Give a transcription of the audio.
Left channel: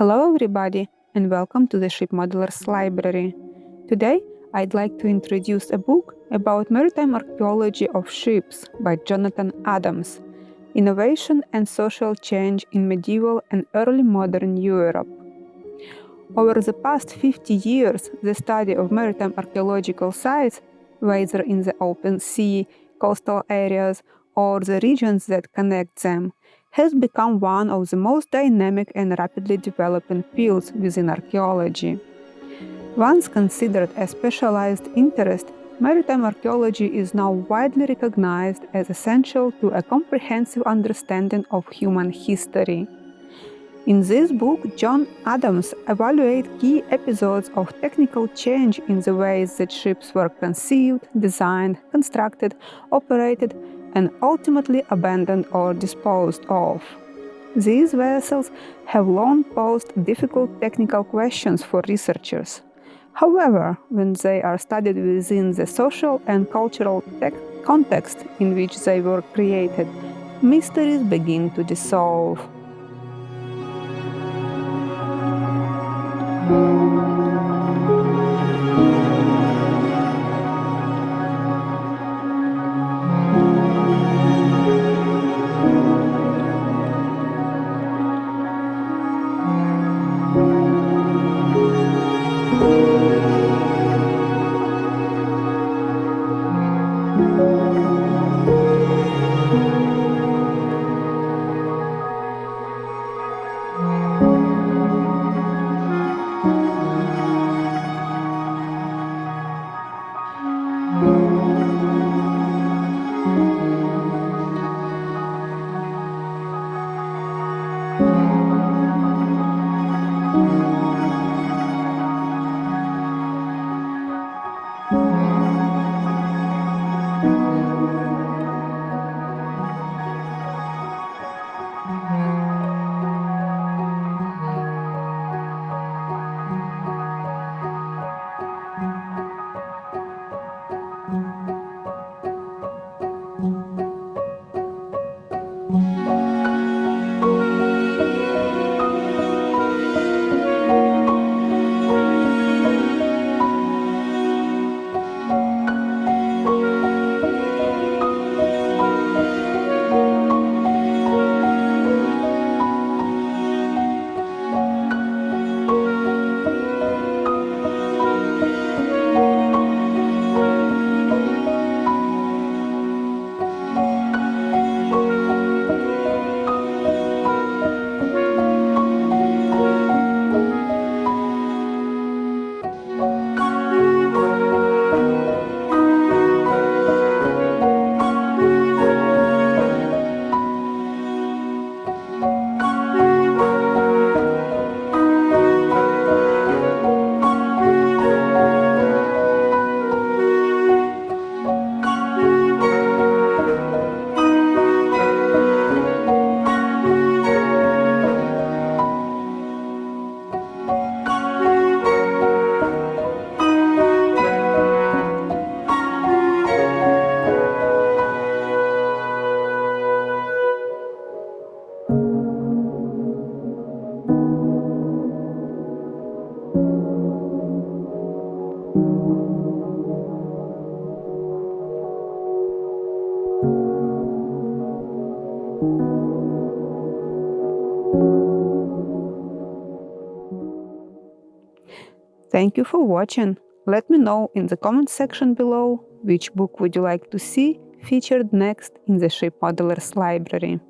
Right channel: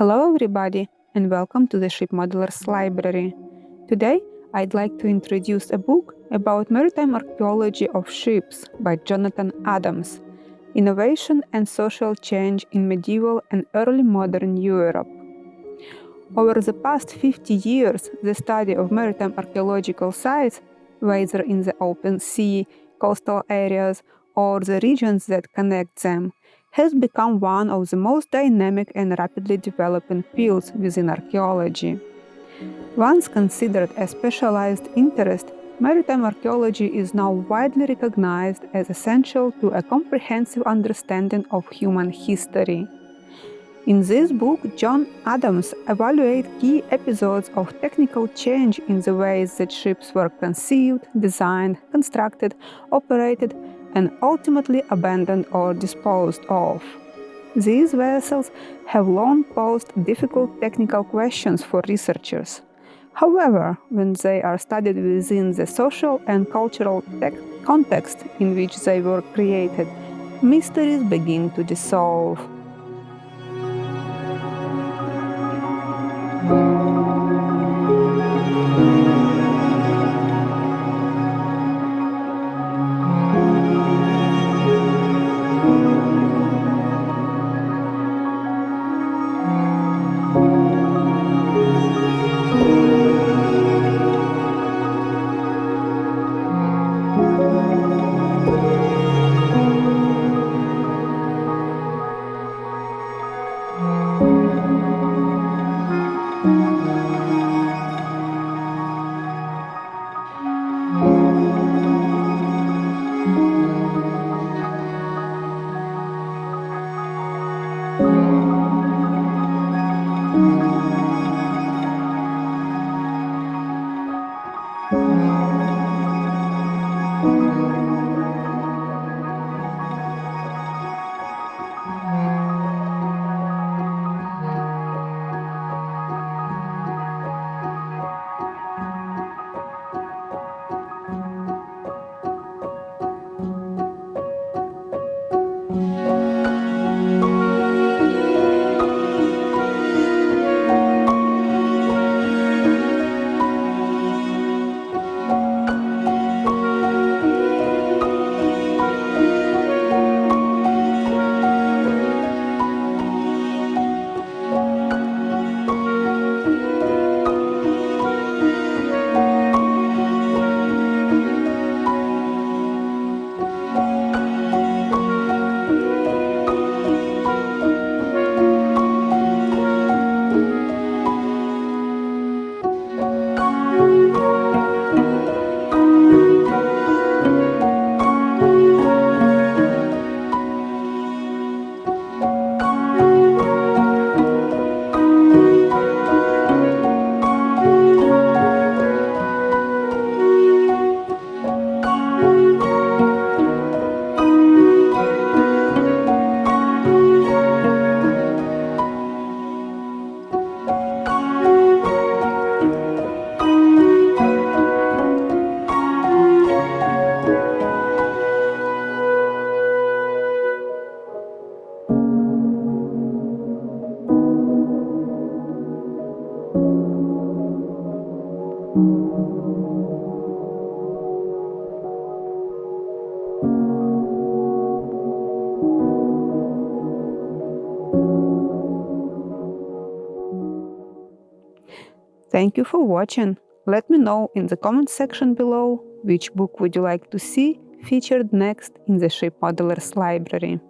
Hello everybody and welcome to the Ship Modelers Library. Today I'd like to introduce a book about maritime archaeology of ships by Jonathan Adams, Innovation and Social Change in Medieval and Early Modern Europe. Over the past 50 years, the study of maritime archaeological sites, whether in the open sea, coastal areas, or the regions that connect them, has become one of the most dynamic and rapidly developing fields within archaeology. Once considered a specialized interest, maritime archaeology is now widely recognized as essential to a comprehensive understanding of human history. In this book, John Adams evaluates key episodes of technical change in the ways that ships were conceived, designed, constructed, operated, and ultimately abandoned or disposed of. These vessels have long posed difficult technical questions for researchers. However, when they are studied within the social and cultural context in which they were created, mysteries begin to dissolve. Thank you for watching. Let me know in the comment section below which book would you like to see featured next in the Ship Modelers Library.